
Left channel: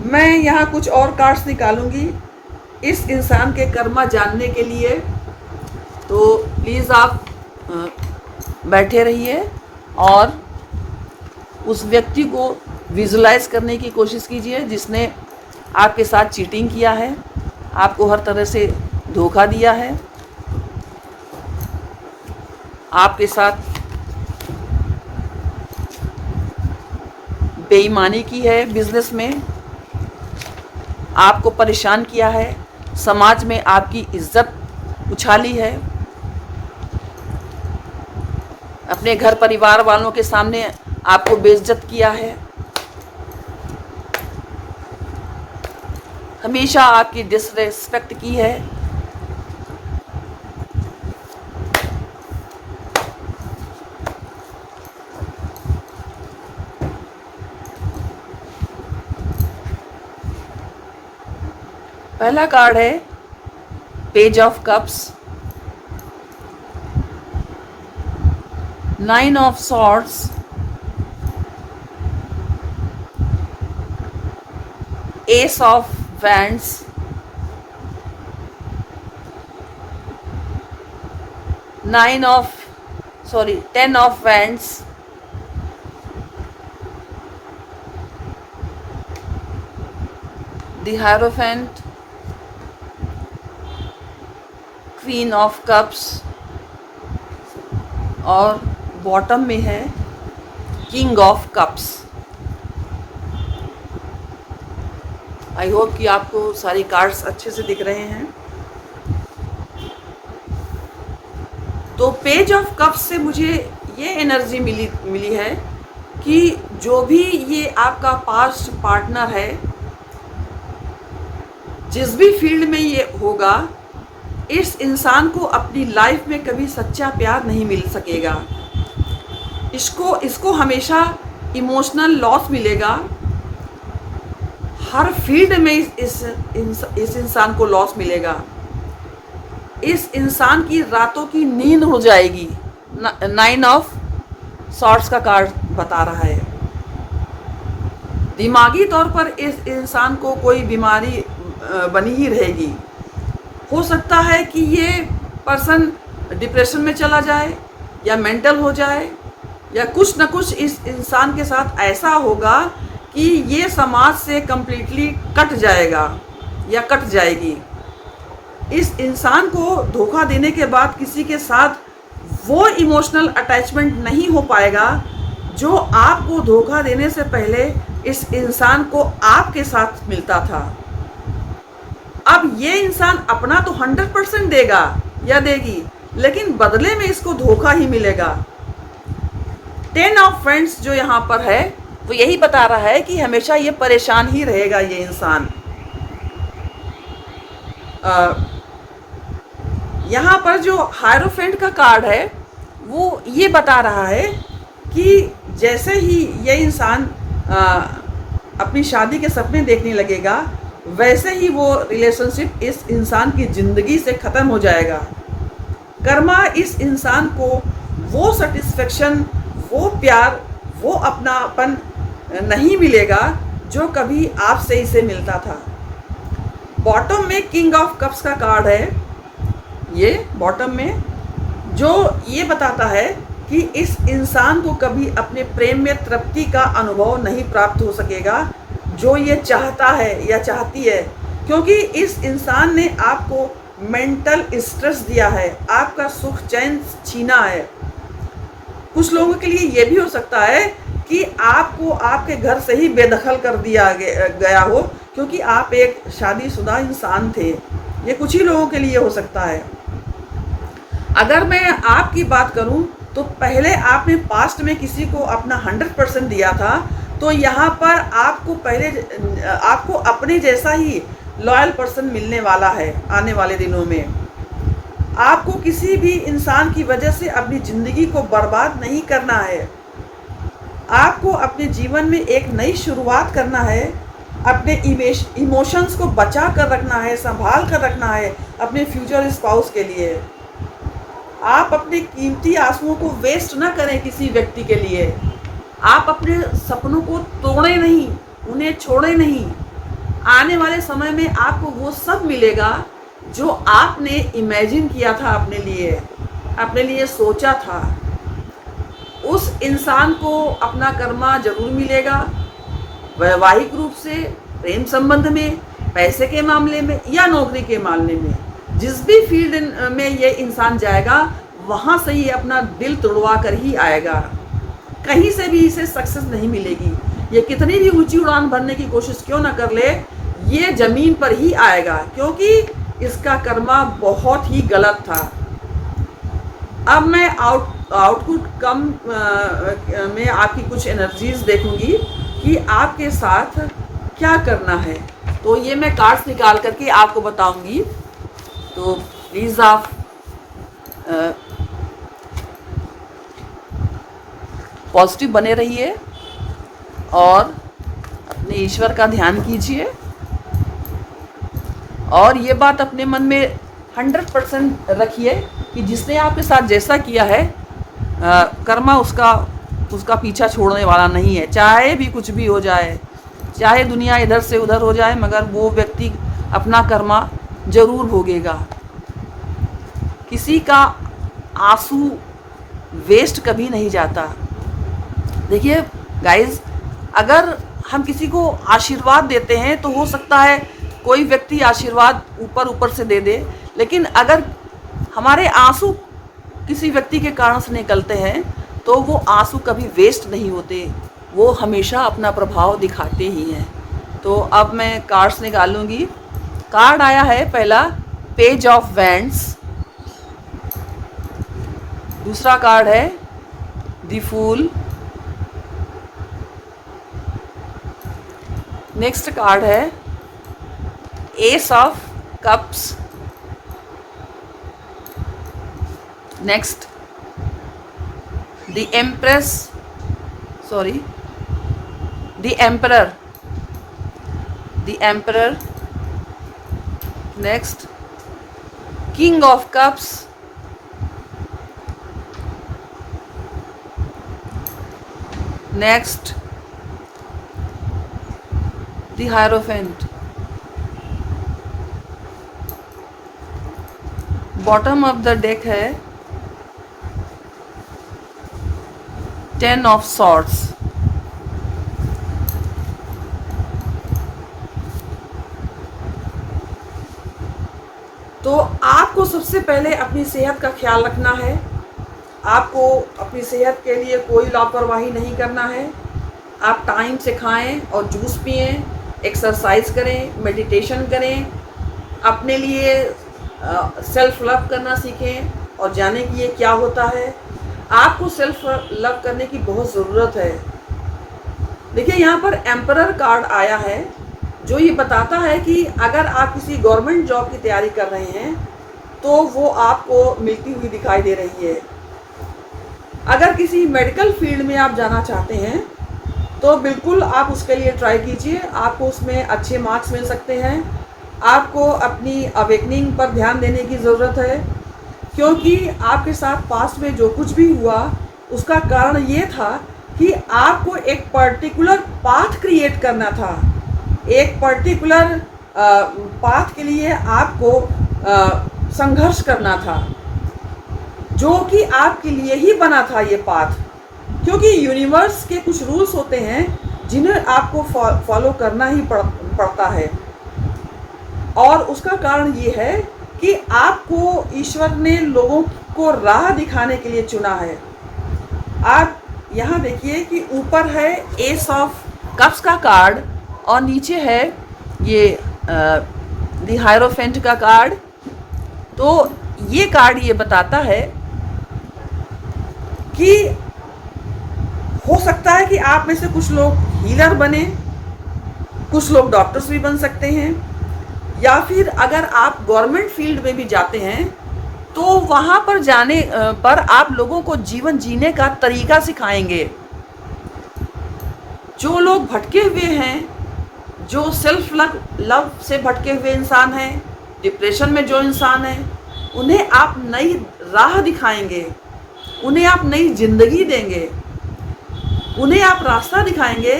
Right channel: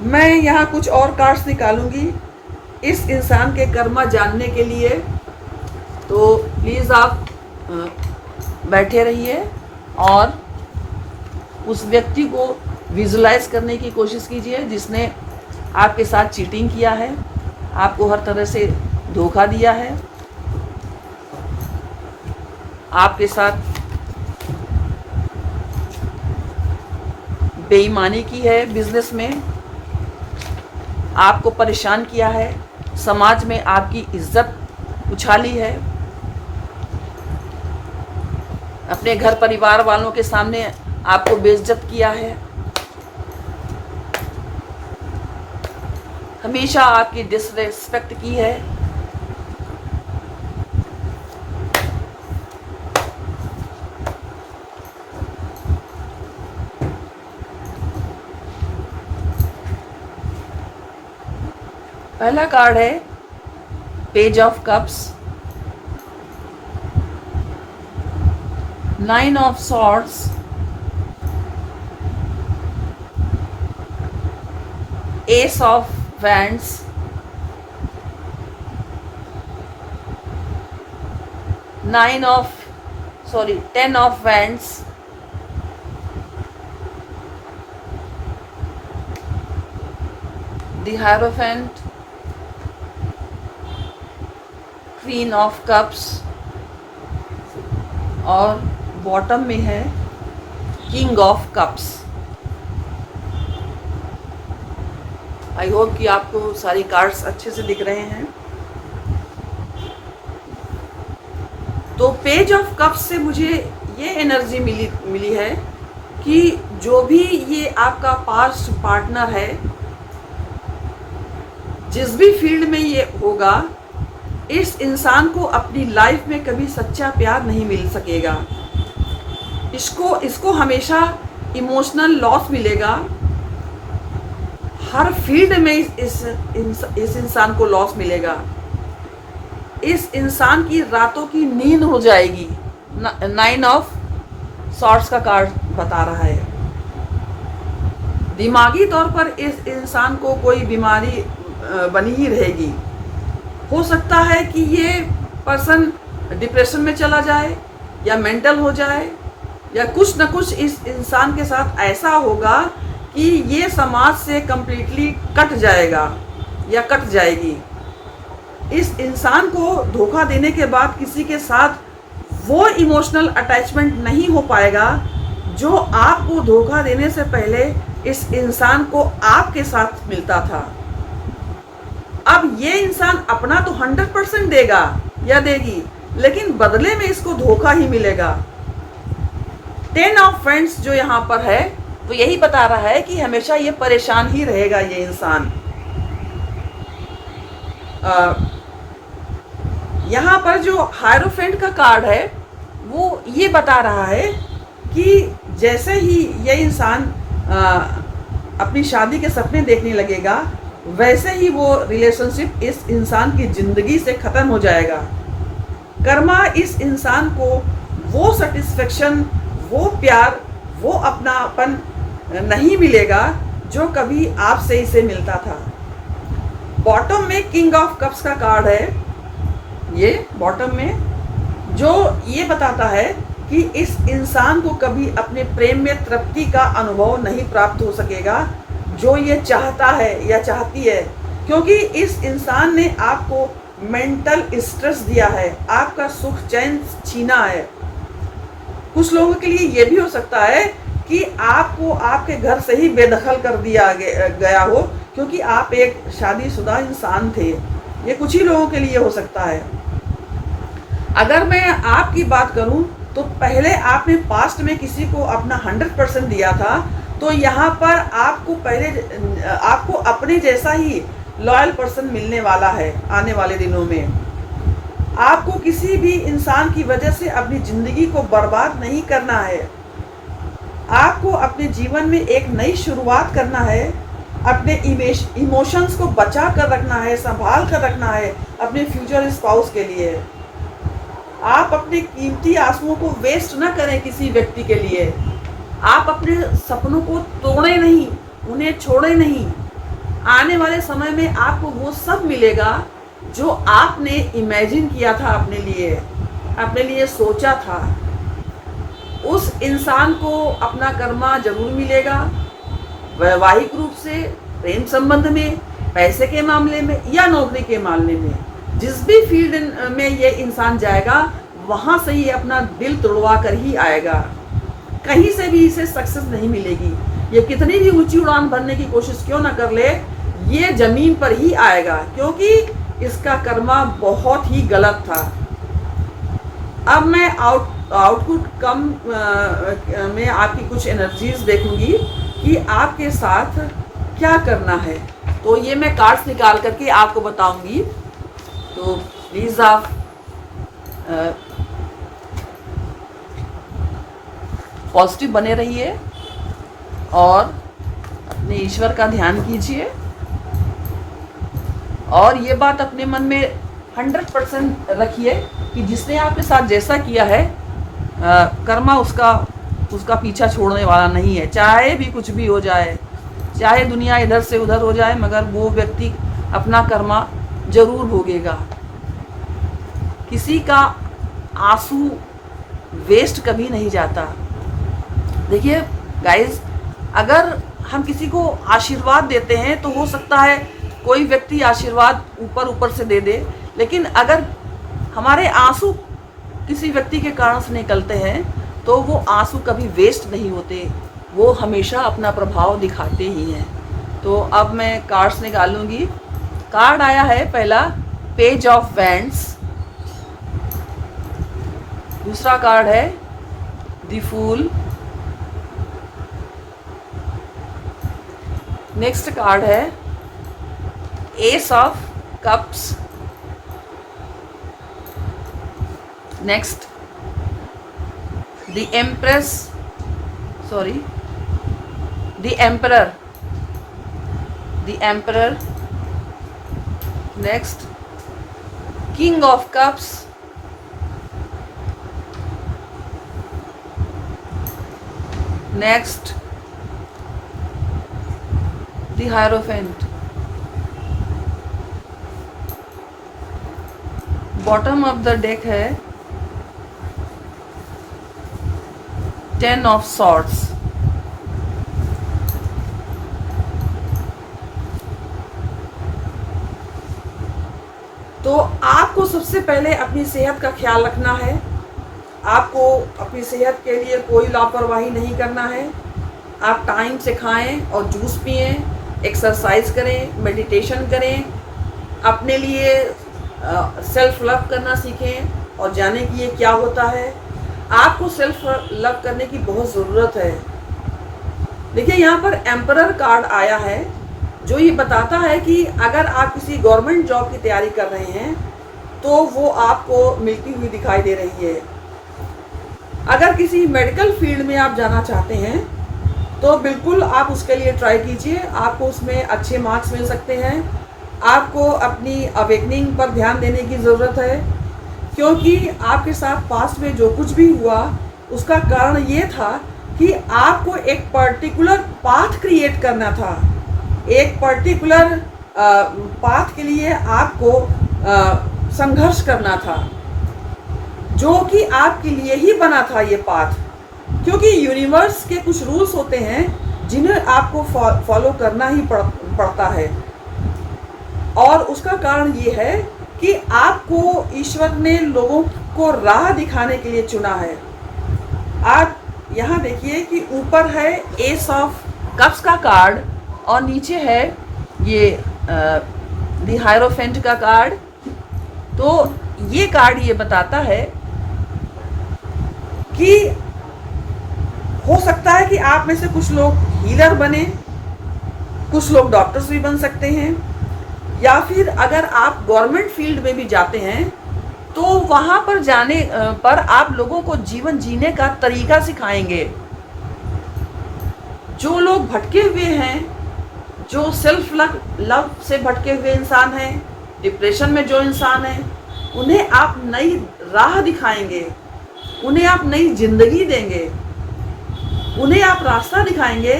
मैं यहाँ कुछ और कार्ड्स निकालूंगी इस इंसान के कर्मा जानने के लिए, तो प्लीज़ आप बैठे रहिए। और उस व्यक्ति को विजुलाइज करने की कोशिश कीजिए जिसने आपके साथ चीटिंग किया है, आपको हर तरह से धोखा दिया है, आपके साथ बेईमानी की है, बिजनेस में आपको परेशान किया है, समाज में आपकी इज्जत उछाली है, अपने घर परिवार वालों के सामने आपको बेइज्जत किया है, हमेशा आपकी डिसरेस्पेक्ट की है। पहला कार्ड है page of cups, 9 of swords, S of wands, 10 of wands, the hierophant, queen of cups और बॉटम में है king of cups. I hope कि आपको सारे कार्ड्स अच्छे से दिख रहे हैं। तो पेज ऑफ कप्स से मुझे ये एनर्जी मिली है कि जो भी ये आपका पास्ट पार्टनर है, जिस भी फील्ड में ये होगा, इस इंसान को अपनी लाइफ में कभी सच्चा प्यार नहीं मिल सकेगा। इसको हमेशा इमोशनल लॉस मिलेगा। हर फील्ड में इस इंसान को लॉस मिलेगा। इस इंसान की रातों की नींद हो जाएगी। 9 ऑफ सॉर्ड्स का कार्ड बता रहा है। दिमागी तौर पर इस इंसान को कोई बीमारी बनी ही रहेगी। हो सकता है कि ये पर्सन डिप्रेशन में चला जाए या मेंटल हो जाए, या कुछ न कुछ इस इंसान के साथ ऐसा होगा कि ये समाज से कंप्लीटली कट जाएगा या कट जाएगी। इस इंसान को धोखा देने के बाद किसी के साथ वो इमोशनल अटैचमेंट नहीं हो पाएगा जो आपको धोखा देने से पहले इस इंसान को आपके साथ मिलता था। अब ये इंसान अपना तो 100% देगा या देगी, लेकिन बदले में इसको धोखा ही मिलेगा। 10 ऑफ फ्रेंड्स जो यहाँ पर है, तो यही बता रहा है कि हमेशा ये परेशान ही रहेगा ये इंसान। यहाँ पर जो हायरोफेंट का कार्ड है, वो ये बता रहा है कि जैसे ही ये इंसान अपनी शादी के सपने देखने लगेगा, वैसे ही वो रिलेशनशिप इस इंसान की जिंदगी से खत्म हो जाएगा। कर्मा इस इंसान को वो सेटिस्फेक्शन, वो प्यार, वो अपनापन नहीं मिलेगा जो कभी आपसे इसे मिलता था। बॉटम में किंग ऑफ कप्स का कार्ड है, ये बॉटम में, जो ये बताता है कि इस इंसान को कभी अपने प्रेम में तृप्ति का अनुभव नहीं प्राप्त हो सकेगा जो ये चाहता है या चाहती है, क्योंकि इस इंसान ने आपको मेंटल स्ट्रेस दिया है, आपका सुख चैन छीना है। कुछ लोगों के लिए ये भी हो सकता है कि आपको आपके घर से ही बेदखल कर दिया गया हो, क्योंकि आप एक शादीशुदा इंसान थे। ये कुछ ही लोगों के लिए हो सकता है। अगर मैं आपकी बात करूं तो पहले आपने पास्ट में किसी को अपना 100% दिया था, तो यहाँ पर आपको अपने जैसा ही लॉयल पर्सन मिलने वाला है आने वाले दिनों में। आपको किसी भी इंसान की वजह से अपनी जिंदगी को बर्बाद नहीं करना है। आपको अपने जीवन में एक नई शुरुआत करना है। अपने इमोशंस को बचा कर रखना है, संभाल कर रखना है अपने फ्यूचर स्पाउस के लिए। आप अपने कीमती आंसुओं को वेस्ट ना करें किसी व्यक्ति के लिए। आप अपने सपनों को तोड़े नहीं, उन्हें छोड़े नहीं। आने वाले समय में आपको वो सब मिलेगा जो आपने इमेजिन किया था, अपने लिए सोचा था। उस इंसान को अपना कर्मा जरूर मिलेगा, वैवाहिक रूप से, प्रेम संबंध में, पैसे के मामले में या नौकरी के मामले में। जिस भी फील्ड में ये इंसान जाएगा वहां से ये अपना दिल तोड़वा कर ही आएगा। कहीं से भी इसे सक्सेस नहीं मिलेगी। ये कितनी भी ऊंची उड़ान भरने की कोशिश क्यों ना कर ले, ये जमीन पर ही आएगा, क्योंकि इसका कर्मा बहुत ही गलत था। अब मैं आउटपुट कम में आपकी कुछ एनर्जीज देखूंगी कि आपके साथ क्या करना है। तो ये मैं कार्ड्स निकाल करके आपको बताऊंगी। तो प्लीज़ आप पॉजिटिव बने रहिए और अपने ईश्वर का ध्यान कीजिए, और ये बात अपने मन में 100% रखिए कि जिसने आपके साथ जैसा किया है कर्मा उसका पीछा छोड़ने वाला नहीं है। चाहे भी कुछ भी हो जाए, चाहे दुनिया इधर से उधर हो जाए, मगर वो व्यक्ति अपना कर्मा जरूर भोगेगा। किसी का आंसू वेस्ट कभी नहीं जाता। देखिए गाइज, अगर हम किसी को आशीर्वाद देते हैं तो हो सकता है कोई व्यक्ति आशीर्वाद ऊपर से दे दे, लेकिन अगर हमारे आंसू किसी व्यक्ति के कारण से निकलते हैं तो वो आंसू कभी वेस्ट नहीं होते, वो हमेशा अपना प्रभाव दिखाते ही हैं। तो अब मैं कार्ड्स निकालूंगी। कार्ड आया है पहला, पेज ऑफ वैंड्स। दूसरा कार्ड है द फूल। नेक्स्ट कार्ड है S of cups. Next the empress, sorry the emperor, the emperor. Next king of cups. Next the hierophant. Bottom of the deck है 10 ऑफ सॉर्ड्स। तो आपको सबसे पहले अपनी सेहत का ख्याल रखना है। आपको अपनी सेहत के लिए कोई लापरवाही नहीं करना है। आप टाइम से खाएं और जूस पिएं, एक्सरसाइज करें, मेडिटेशन करें, अपने लिए सेल्फ लव करना सीखें और जानें कि ये क्या होता है। आपको सेल्फ लव करने की बहुत ज़रूरत है। देखिए यहाँ पर एम्परर कार्ड आया है जो ये बताता है कि अगर आप किसी गवर्नमेंट जॉब की तैयारी कर रहे हैं तो वो आपको मिलती हुई दिखाई दे रही है। अगर किसी मेडिकल फील्ड में आप जाना चाहते हैं तो बिल्कुल आप उसके लिए ट्राई कीजिए, आपको उसमें अच्छे मार्क्स मिल सकते हैं। आपको अपनी अवेकनिंग पर ध्यान देने की ज़रूरत है, क्योंकि आपके साथ पास्ट में जो कुछ भी हुआ उसका कारण ये था कि आपको एक पर्टिकुलर पाथ क्रिएट करना था। एक पर्टिकुलर पाथ के लिए आपको संघर्ष करना था, जो कि आपके लिए ही बना था ये पाथ। क्योंकि यूनिवर्स के कुछ रूल्स होते हैं जिन्हें आपको फॉलो करना ही पड़ता है, और उसका कारण ये है कि आपको ईश्वर ने लोगों को राह दिखाने के लिए चुना है। आप यहाँ देखिए कि ऊपर है एस ऑफ कप्स का कार्ड और नीचे है ये द हायरोफेंट का कार्ड। तो ये कार्ड ये बताता है कि हो सकता है कि आप में से कुछ लोग हीलर बने, कुछ लोग डॉक्टर्स भी बन सकते हैं, या फिर अगर आप गवर्नमेंट फील्ड में भी जाते हैं तो वहाँ पर जाने पर आप लोगों को जीवन जीने का तरीका सिखाएंगे। जो लोग भटके हुए हैं, जो सेल्फ लव से भटके हुए इंसान हैं, डिप्रेशन में जो इंसान हैं, उन्हें आप नई राह दिखाएंगे, उन्हें आप नई जिंदगी देंगे, उन्हें आप रास्ता दिखाएंगे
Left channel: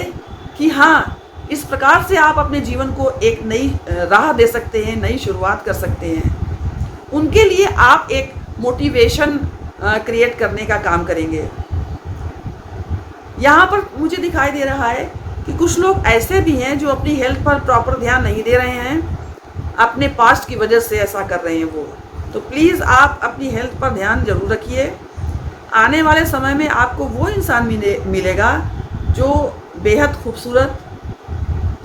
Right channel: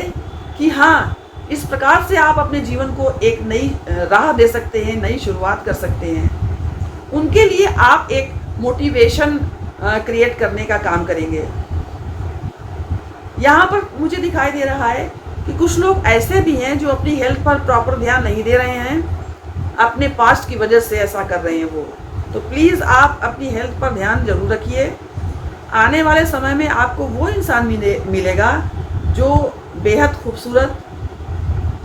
कि हाँ, इस प्रकार से आप अपने जीवन को एक नई राह दे सकते हैं, नई शुरुआत कर सकते हैं। उनके लिए आप एक मोटिवेशन क्रिएट करने का काम करेंगे। यहाँ पर मुझे दिखाई दे रहा है कि कुछ लोग ऐसे भी हैं जो अपनी हेल्थ पर प्रॉपर ध्यान नहीं दे रहे हैं, अपने पास्ट की वजह से ऐसा कर रहे हैं वो। तो प्लीज़ आप अपनी हेल्थ पर ध्यान जरूर रखिए। आने वाले समय में आपको वो इंसान मिलेगा जो बेहद खूबसूरत,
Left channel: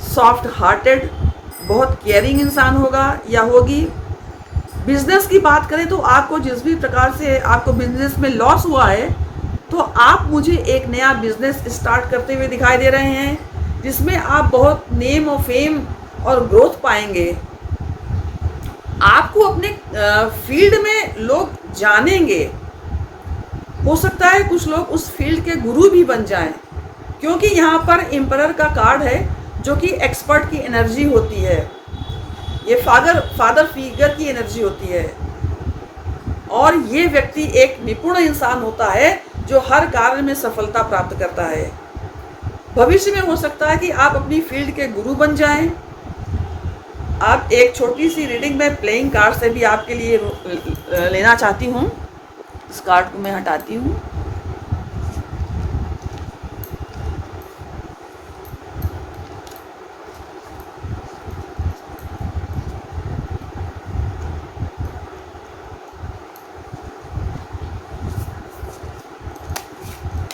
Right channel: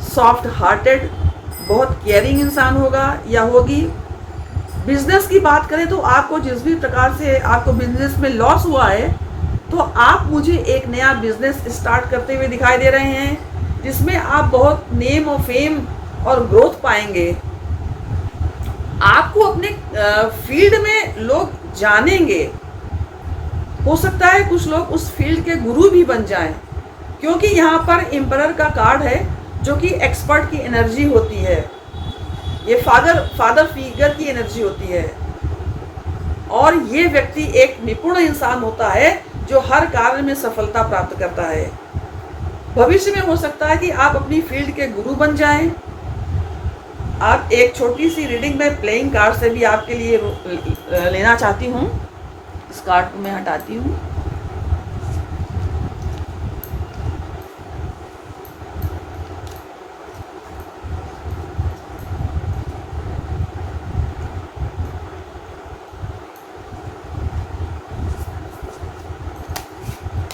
सॉफ्ट हार्टेड, बहुत केयरिंग इंसान होगा या होगी। बिजनेस की बात करें तो आपको जिस भी प्रकार से आपको बिजनेस में लॉस हुआ है, तो आप मुझे एक नया बिजनेस स्टार्ट करते हुए दिखाई दे रहे हैं जिसमें आप बहुत नेम और फेम और ग्रोथ पाएंगे। आपको अपने फील्ड में लोग जानेंगे। हो सकता है कुछ लोग उस फील्ड के गुरु भी बन जाएं, क्योंकि यहाँ पर एम्परर का कार्ड है जो कि एक्सपर्ट की एनर्जी होती है। ये फादर फिगर की एनर्जी होती है और ये व्यक्ति एक निपुण इंसान होता है जो हर कार्य में सफलता प्राप्त करता है। भविष्य में हो सकता है कि आप अपनी फील्ड के गुरु बन जाएं। आप एक छोटी सी रीडिंग में प्लेइंग कार्ड से भी आपके लिए लेना चाहती हूँ। इस कार्ड को मैं हटाती हूँ।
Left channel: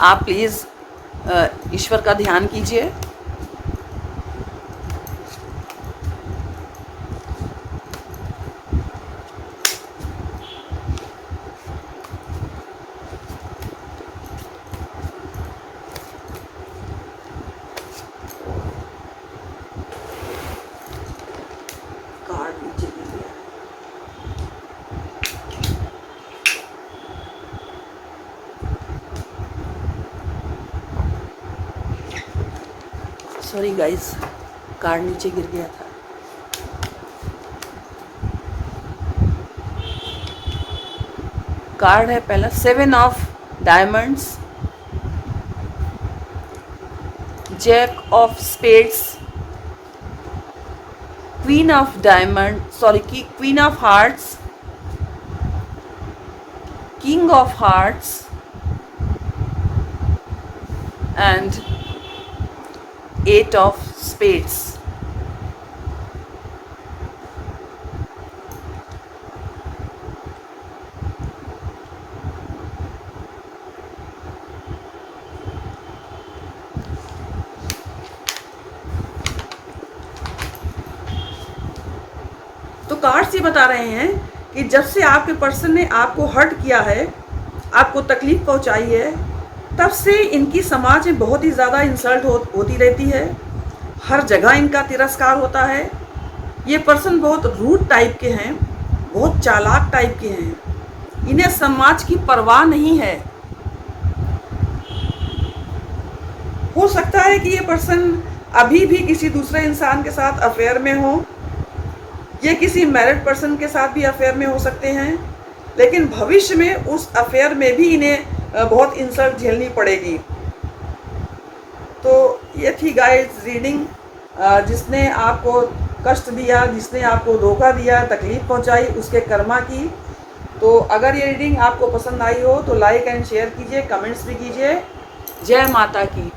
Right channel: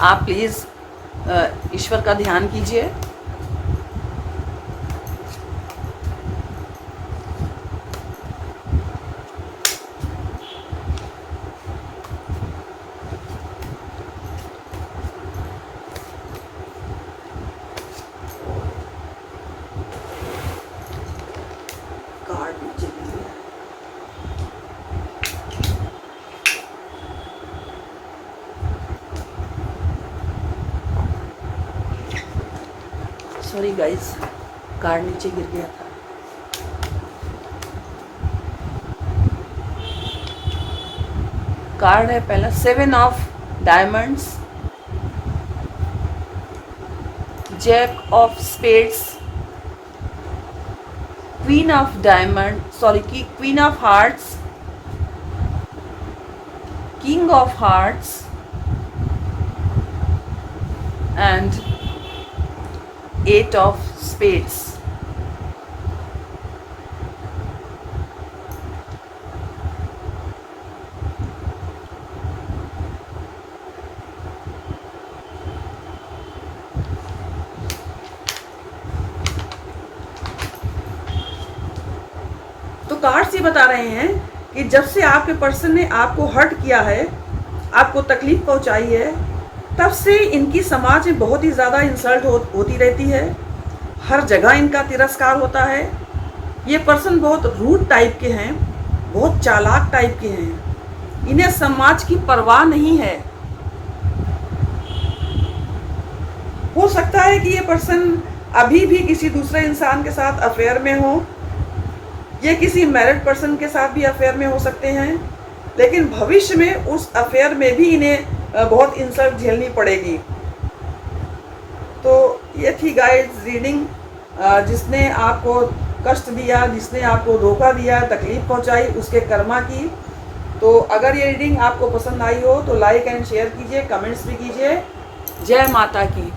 आप प्लीज़ ईश्वर का ध्यान कीजिए। सॉरी गाइस, कार्ड नीचे गिर गया। कार्ड है पहला 7 of diamonds, jack of spades, queen of diamond queen of hearts, king of hearts and 8 of spades। तो कार्ड्स ये बता रहे हैं कि जब से आपके पर्सन ने आपको हर्ट किया है, आपको तकलीफ पहुंचाई है, तब से इनकी समाज में बहुत ही ज़्यादा इंसल्ट होती रहती है। हर जगह इनका तिरस्कार होता है। ये पर्सन बहुत रूड टाइप के हैं, बहुत चालाक टाइप के हैं। इन्हें समाज की परवाह नहीं है। हो सकता है कि ये पर्सन अभी भी किसी दूसरे इंसान के साथ अफेयर में हो, ये किसी मैरिड पर्सन के साथ भी अफेयर में हो सकते हैं, लेकिन भविष्य में उस अफेयर में भी इन्हें बहुत इंसल्ट झेलनी पड़ेगी। तो ये थी गाइस रीडिंग। जिसने आपको कष्ट दिया, जिसने आपको धोखा दिया, तकलीफ पहुंचाई, उसके कर्मा की। तो अगर ये रीडिंग आपको पसंद आई हो तो लाइक एंड शेयर कीजिए, कमेंट्स भी कीजिए। जय माता की।